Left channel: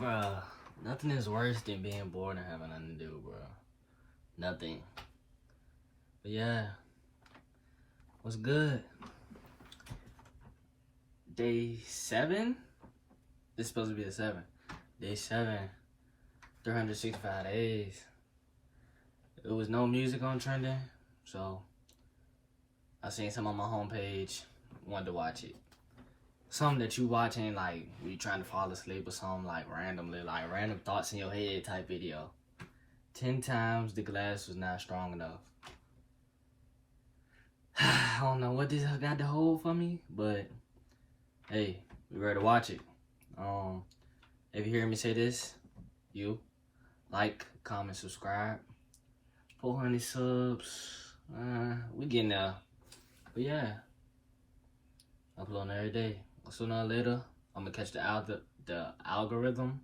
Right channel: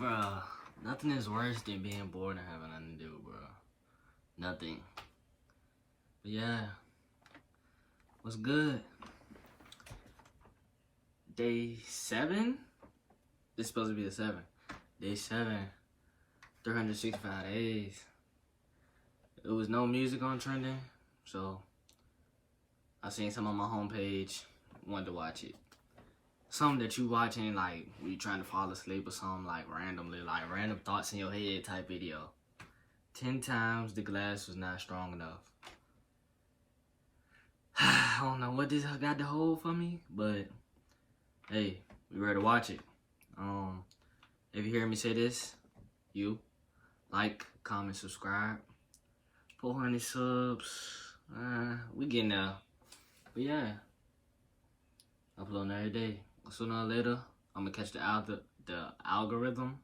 Bruh, nothing is worse than being bored and having nothing to do, bruh. Nothing. But yeah, what's good? Day 7? This is supposed to be the 7. Day 7, 365 days. There was no music on trending, so I seen some on my homepage, wanted to watch it. Something that you watching, like, you trying to fall asleep or something, like, randomly, like, random thoughts in your head type video. 10 times the glass was not strong enough. I don't know what this got to hold for me, but, hey, we ready to watch it. If you hear me say this, you, like, comment, subscribe. 400 subs, we getting there. But yeah, uploading every day. Sooner or later, I'm gonna catch the algorithm,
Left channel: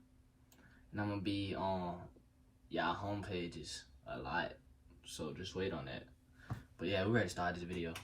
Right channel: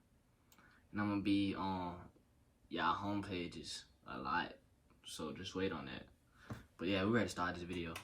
and I'm gonna be on y'all home pages a lot. So just wait on that. But yeah, we're ready to start this video.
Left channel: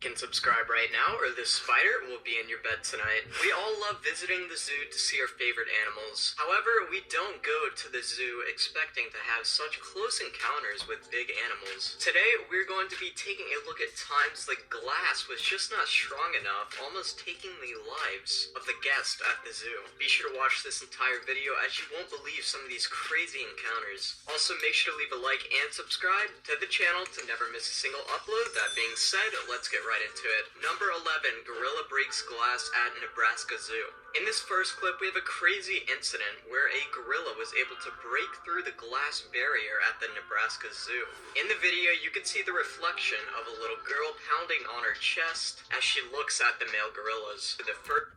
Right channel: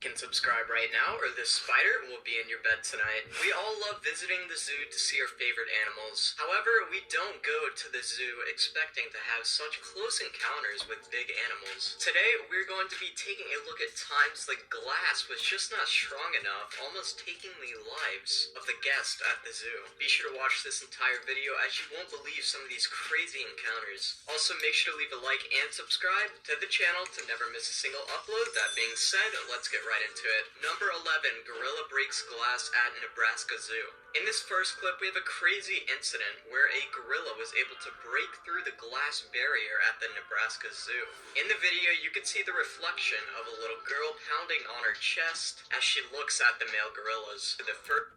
Can subscribe right now or this spider will be in your bed tonight. We all love visiting the zoo to see our favorite animals. However, we don't go to the zoo expecting to have such close encounters with big animals. Today, we're going to be taking a look at times the glass was just not strong enough, almost taking the lives of the guests at the zoo. Be sure to watch this entire video as you won't believe some of these crazy encounters. Also, make sure to leave a like and subscribe to the channel to never miss a single upload. That being said, let's get right into it. Number 11, gorilla breaks glass at Nebraska Zoo. In this first clip, we have a crazy incident where a gorilla was able to break through the glass barrier at the Nebraska Zoo. In the video, you can see the reflection of a little girl pounding on her chest as she looks at the male gorillas. For the first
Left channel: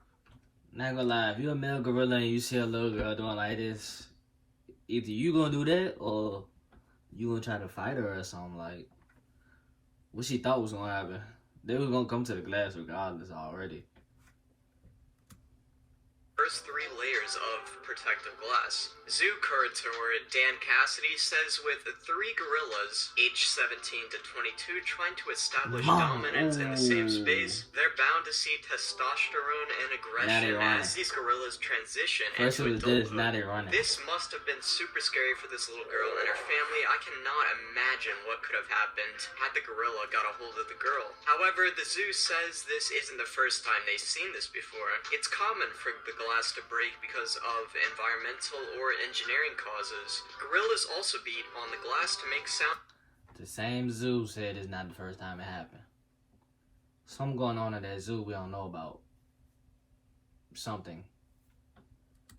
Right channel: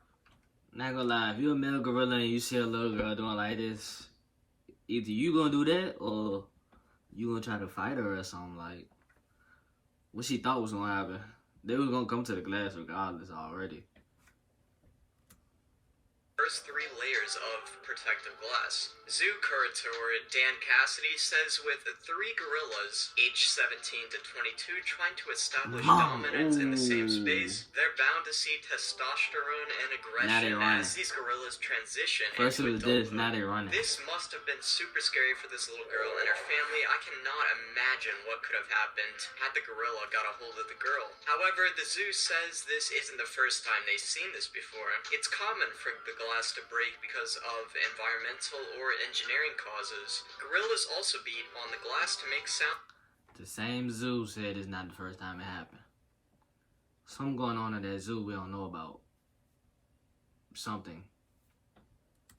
Not gonna lie, if you're a male gorilla and you see a little girl doing like this, either you gonna do that or you gonna try to fight her or something. Like, what she thought was gonna happen. They was gonna come to the glass regardless already. First 3 layers of protective glass. Zoo curator Dan Cassidy says with 3 gorillas, aged 17 to 22, trying to establish dominance in the same space, they're bound to see testosterone and aggression as these gorillas transition First it was this, now they're running. This must have been super scary for this little girl and her family. I cannot imagine what could have happened had the gorilla got a hold of the girl. However, the zoo says this isn't the first time they've seen this before. It's common for the glass to break because of environmental or engineering causes. Gorillas also beat on the glass to make sound. The same zoo said it's not the first time it happened. Something going on at that zoo we don't know about. Something.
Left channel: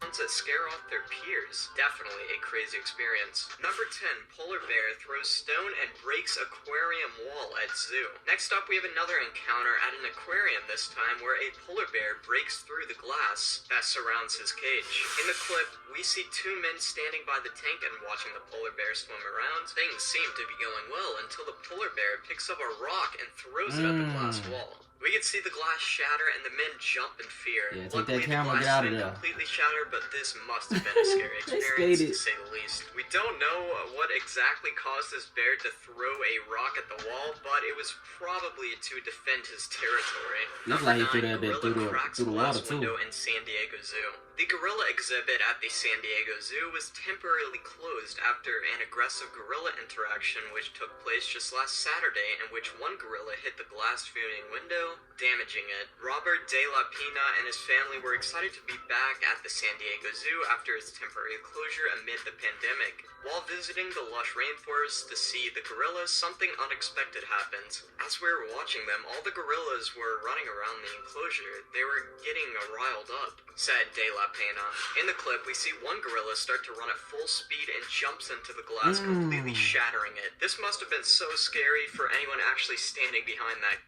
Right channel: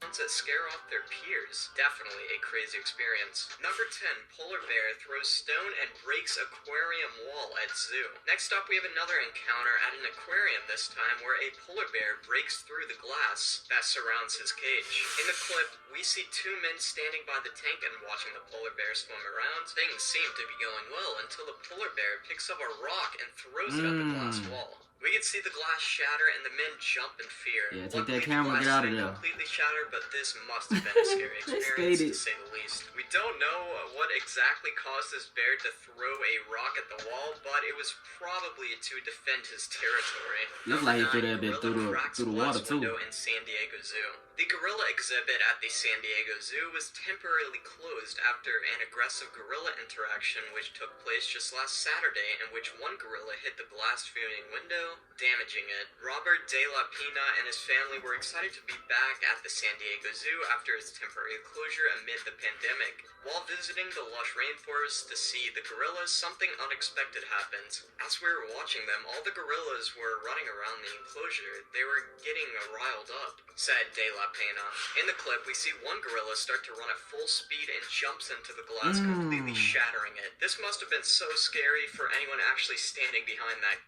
To scare off their peers. Definitely a crazy experience. Number 10, polar bear throws stone and breaks aquarium wall at zoo. Next up, we have another encounter at an aquarium this time where a polar bear breaks through the glass that surrounds his cage. In the clip, we see 2 men standing by the tank and watching the polar bear swim around. Things seem to be going well until the polar bear picks up a rock and throws it at the glass wall. We can see the glass shatter and the men jump in fear. Yeah, take that camera, get out of there. Completely shattered, but this must have been a scary experience to say the least. We don't know what exactly caused this bear to throw a rock at the wall, but it was probably to defend his territory. Looked like he threw that bit through the water too. In San Diego Zoo. The gorilla exhibit at the San Diego Zoo was temporarily closed after an aggressive gorilla interaction which took place just last Saturday, in which one gorilla hit the glass viewing window, damaging it. Robert De La Pina and his family were excited to be back at the San Diego Zoo after its temporary closure amid the pandemic. While visiting the lush rainforest to see the gorillas, something unexpected happened. As we were watching them, all the gorillas were running around the enclosure. They were getting riled up, said De La Pena. In the clip, we see one gorilla start to run at full speed and jumps into the glass, completely shattering it. This must have been so scary for anyone actually standing behind that.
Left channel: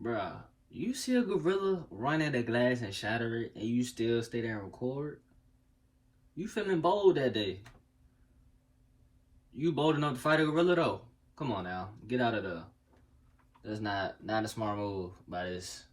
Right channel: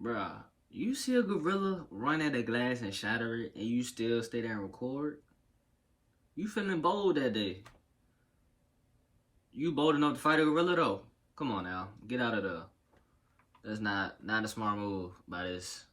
Bruh, you see a gorilla run at a glass and shatter it, and you still stay there and record? You feeling bold that day. You bold enough to fight a gorilla though? Come on now, get out of there. That's not a smart move by this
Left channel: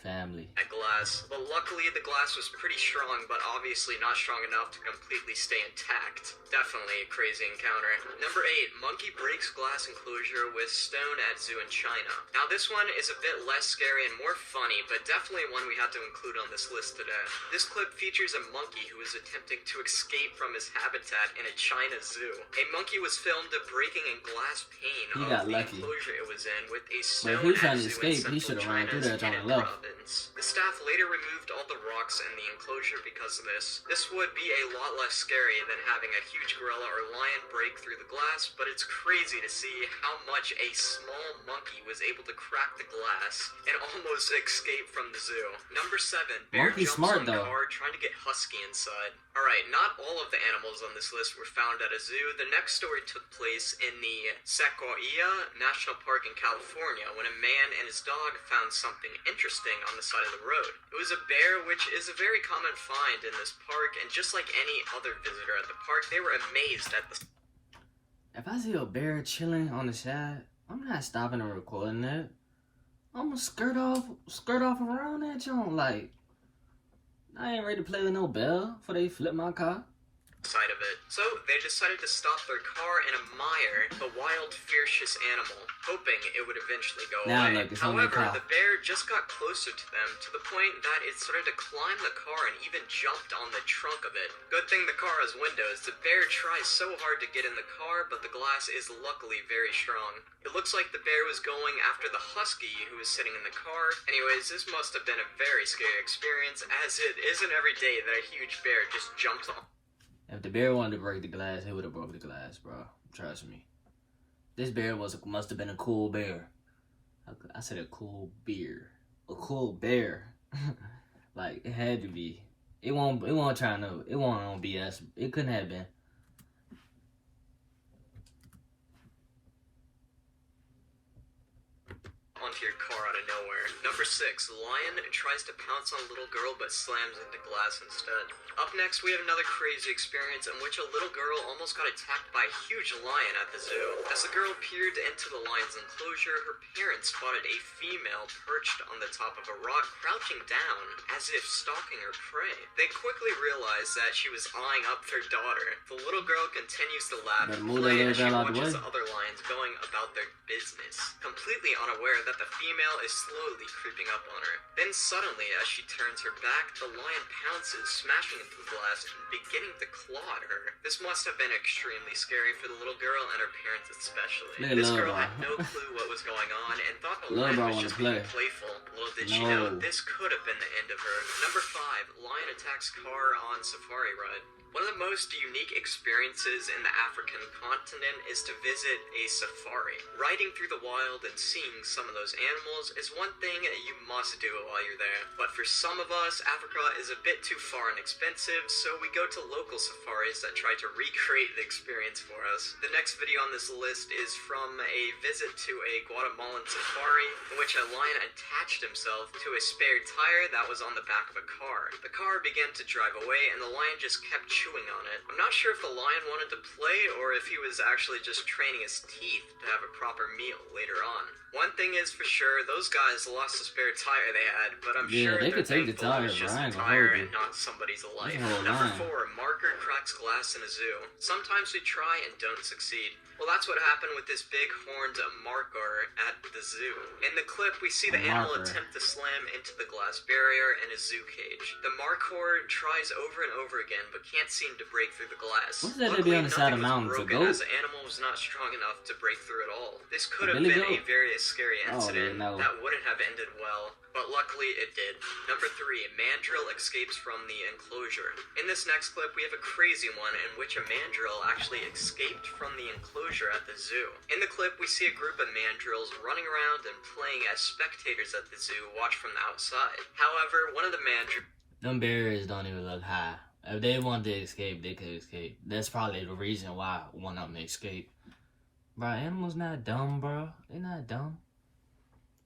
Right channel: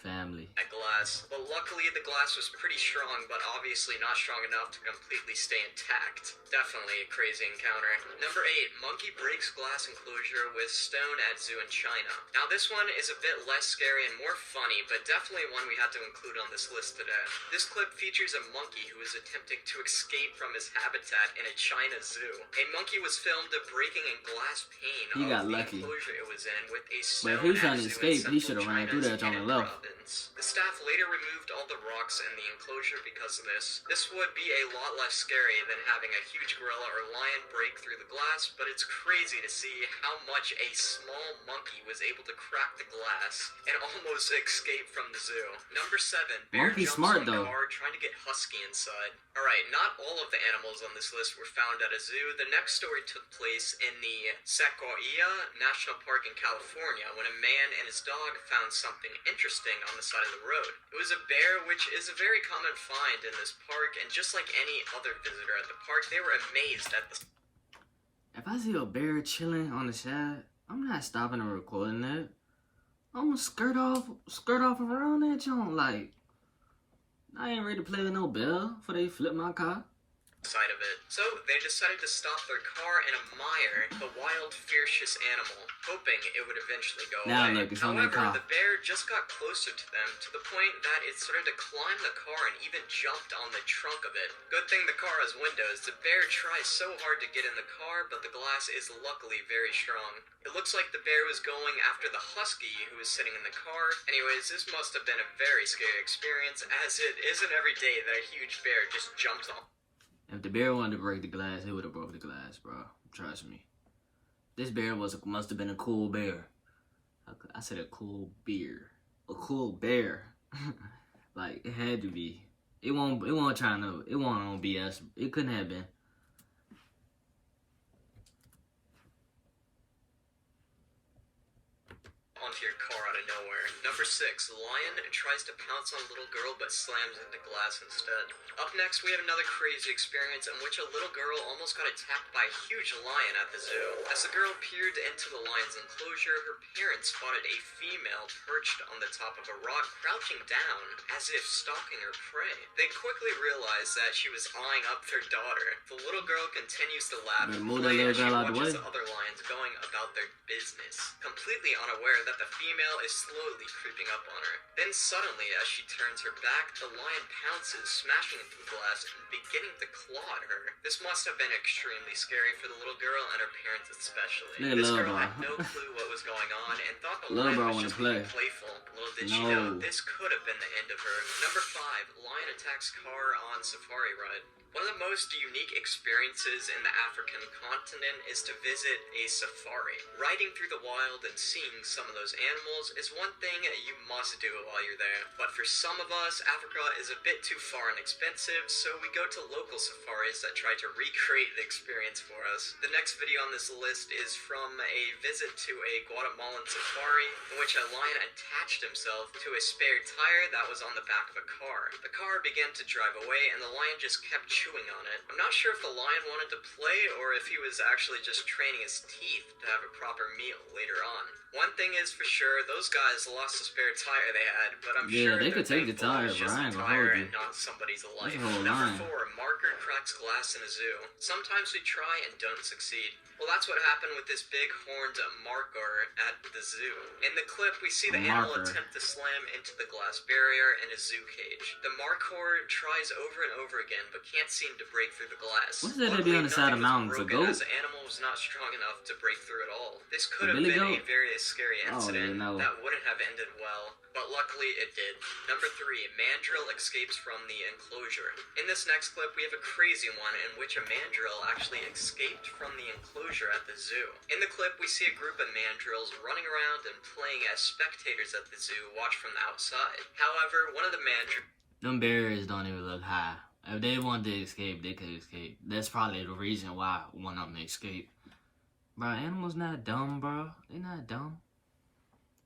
Family. Glass. Well, luckily the glass was pretty strong, but obviously not strong enough to completely stay intact. Definitely a crazy encounter. Number 8, monkey breaks glass enclosure with stone at zoo in China. Now this one is a bit less scary and more funny, but definitely one we had to include on this list today. This clip features a monkey who is attempting to escape from his habitat in a China zoo. A monkey was filmed breaking a glass pane He got of the lucky. enclosure it was in with a But if stone he was trying at to zoo in escape, he central should have ran through China's that on the Henan left. province. The staff later removed all the rocks in the enclosure because of this. This would be a lot less scary than having a huge gorilla or lion break through the glass, but it's crazy to see how much a small monkey was able to crack the glass and almost escape from the zoo. Number 7, bear Monkey's jumps smart, on though. car trying to get husky inside. Alright, not all of the animals on this list were found at a zoo. The next story took place in the Sequoia National Park in California when a man and his dog found something interesting on the side of the road. It was a bear, which is a very common find in this park, and just like any other visitor at the park, they were amazed at the If I see a bear chilling on the side, I'm not stopping and recording it. I'm gonna skirt off around that joint. Like, I ain't ready to play with no bell before they flip my car. side of it. So they decided to stop their car and admire the wild, fierce animal, hoping it would eventually go Now away. look, it's only a However, car. the bear just got closer to them to the point that it started to climb the car and even jumped on the trunk of it. Good thing the car has windows. The bear tries so hard to get in the car, but the glass is luckily very strong. It looks like the bear was going after the husky who was sitting in the car. Anyways, this must have been a very scary experience, as it isn't every day that a huge bear just jumps on. If the bear wanted to break the glass, he would have broke the glass, bro. Trust me. This bear must have been a cool bear. I said a cool bear. A cool bear. Like, it had to be. It won't on BS. It couldn't have been. Onto your car out of nowhere. Number 6, lion tries to pounce on little girl but slams into glass instead. Up next, we have another crazy experience in which a little girl almost got attacked by a huge lion at the zoo. As the girl peered into the lion's enclosure, her parents spotted a female perched on the top of a rock, crouching down as if stalking her prey. They quickly realized that she was eyeing up their daughter. The little girl continues to laugh Better and move that play little as she girl out the watches way. the other lions going about their business, completely unaware that the female is slowly creeping up on her. Then suddenly, as she turns her back, the lion pounces, smashing into the glass and beginning to claw at her. This must have been extremely scary for the little girl and her parents especially. Look at This Lil girl Bro. had no clue what was going on and thought the Lil lion Bro was wanna just being play. playful. Little did she No. know, this could have been the end of her. Number 5, lion attacks car on safari ride. One of the most unique experiences in the African continent is to visit a safari. Riding through the wild and seeing some of those animals is one thing you must do while you're there. But for some of us, Africa is a bit too far and expensive, so we go to local safaris that try to recreate the experience for us. The next video on this list is from a visit to a Guatemalan safari, in which a lion attached himself to a spare tire that was on the back of a car. The car began to drive away, and the lion just kept chewing on it. I'm not sure if the lion wanted to play or if he was actually just training his teeth to have a proper meal later on. One thing is for sure, those guys lost the spare tire they had, but I'm Yeah, sure they could they're take the thankful tire, it's but just I a ain't gonna tire hold you. and not somebody's life. That's a whole Number line. 4, marker cracks glass in a zoo. Sometimes we try and don't succeed. Well, that's what happened with this big horned markhor at the zoo. In the clip, we see the animal Markhor. attempt to slam into the glass barrier in a zoo cage. The markhor tries over and over again, but can't seem to break through the glass. What's that they Luckily, be on the side of nothing mountains, was a broken, goat? as the animal was not strong enough to break through at all. This could A have billy been a goat? very scary I don't even incident know. that wouldn't have ended well, but luckily it did. Number 3, mandrill escapes from the enclosure. In this next clip, we have a crazy one in which a mandrill actually escaped from the enclosure at the zoo. In the clip, we see a group of mandrills running around and playing as spectators at the zoo watch from the outside. However, one of the mandrills Them barriers don't even look high. If they wanted to escape, they could escape. That's probably the reason why one of them escaped. Bro, animals not dumb, bro. They not dumb.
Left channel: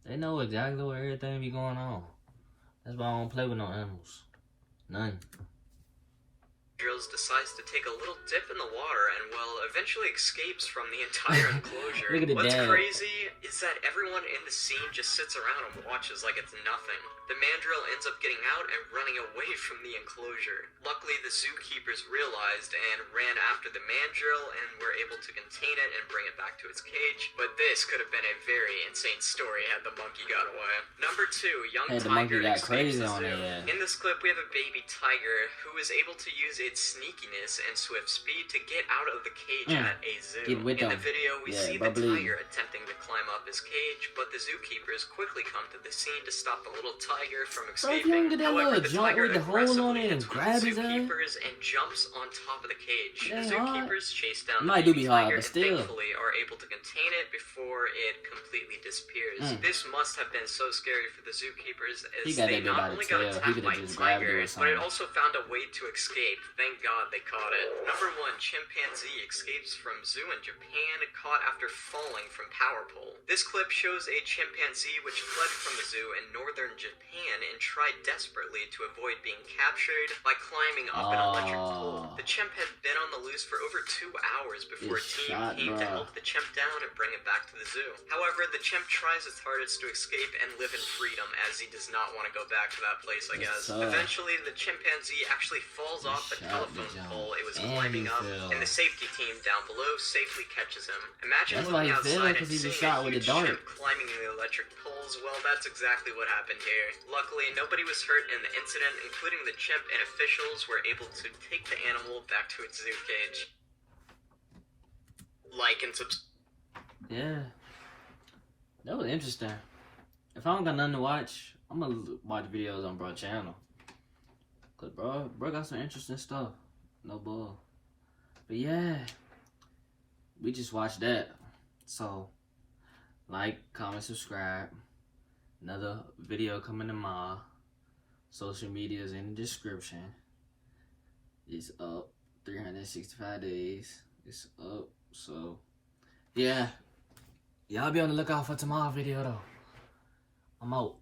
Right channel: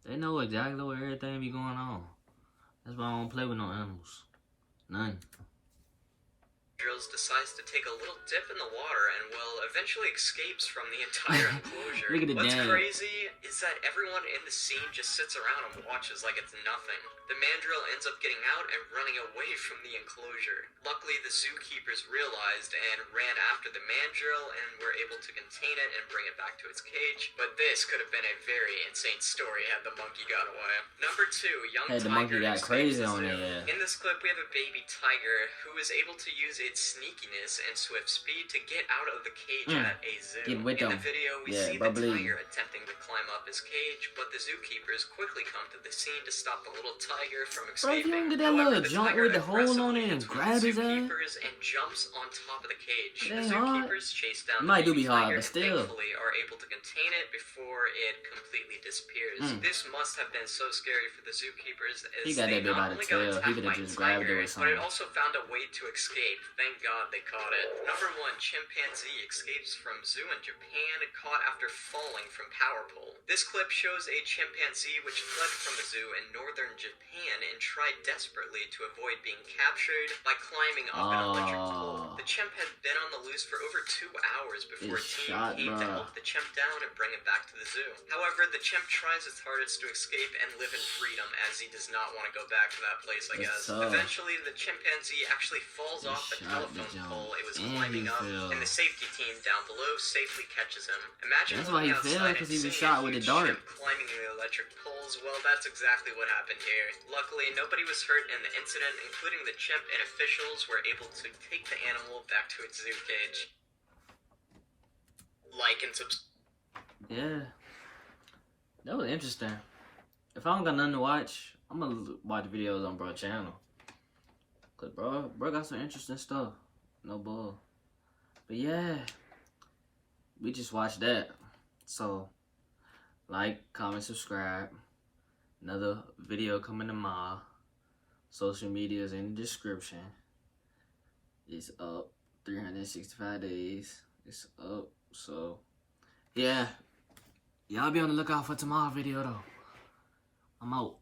They know exactly what everything be going on. That's why I don't play with no animals. None. mandrills decides to take a little dip in the water and, well, eventually escapes from the entire enclosure. Look at the What's dad. crazy is that everyone in the scene just sits around and watches like it's nothing. The mandrill ends up getting out and running away from the enclosure. Luckily, the zookeepers realized and ran after the mandrill and were able to contain it and bring it back to its cage. But this could have been a very insane story had the monkey got away. Number 2, young Hey, the tiger monkey got escapes crazy the on zoo. it. In this clip, we have a baby tiger who is able to use its sneakiness and swift speed to get out of the cage at a zoo. Get with In them. the video, we Yeah, see bubbly. the tiger attempting to climb up his cage, but the zookeepers quickly come to the scene to stop the little tiger from Bro, if you escaping. don't get that However, little the jump tiger with the hole on it and aggressively grab his hits one of the ass. zookeepers and jumps on top of the cage. It The ain't hard. zookeepers chase down It the might do baby be hard, tiger but and still. thankfully are able to contain it before it completely disappears. Mm. This must have been so scary for the zookeepers as He got they that bit not by the only got tail. He attacked could by have a just grabbed it tiger, or but it something. also found a way to escape. Thank God they caught it. Number 1, chimpanzee escapes from zoo in Japan, caught after falling from power pole. This clip shows a chimpanzee which fled from a zoo in northern Japan and tried desperately to avoid being captured by climbing up an electric pole. Oh. The chimp had been on the loose for over 2 hours before a It's team shot, came to bro. help the chimp down and bring it back to the zoo. However, the chimp tries his hardest to escape and live in freedom as he does not want to go back to that place, I Yes, guess. sir. Eventually, the chimpanzee actually falls He off the shot the telephone jump. pole it was And climbing he up, fell. and the safety team down below safely catches him. Imagine That's why he looking fell, outside 'cause and he was seeing a shot with a huge dart. chimp climbing the electric poles. Well, that's exactly what happened here. Luckily, nobody was hurt in the incident, including the chimp, and officials were able to take the animal back to its zoo cage. Like and subscribe. Yeah. That was interesting. If I don't got nothing to watch, I'm gonna watch videos on bro channel. Cause bro got some interesting stuff. No bull. But yeah. We just watched that. So, like, comment, subscribe. Another video coming tomorrow. Social media's in the description. It's up 365 days. It's up. So, yeah. Y'all be on the lookout for tomorrow's video, though. I'm out.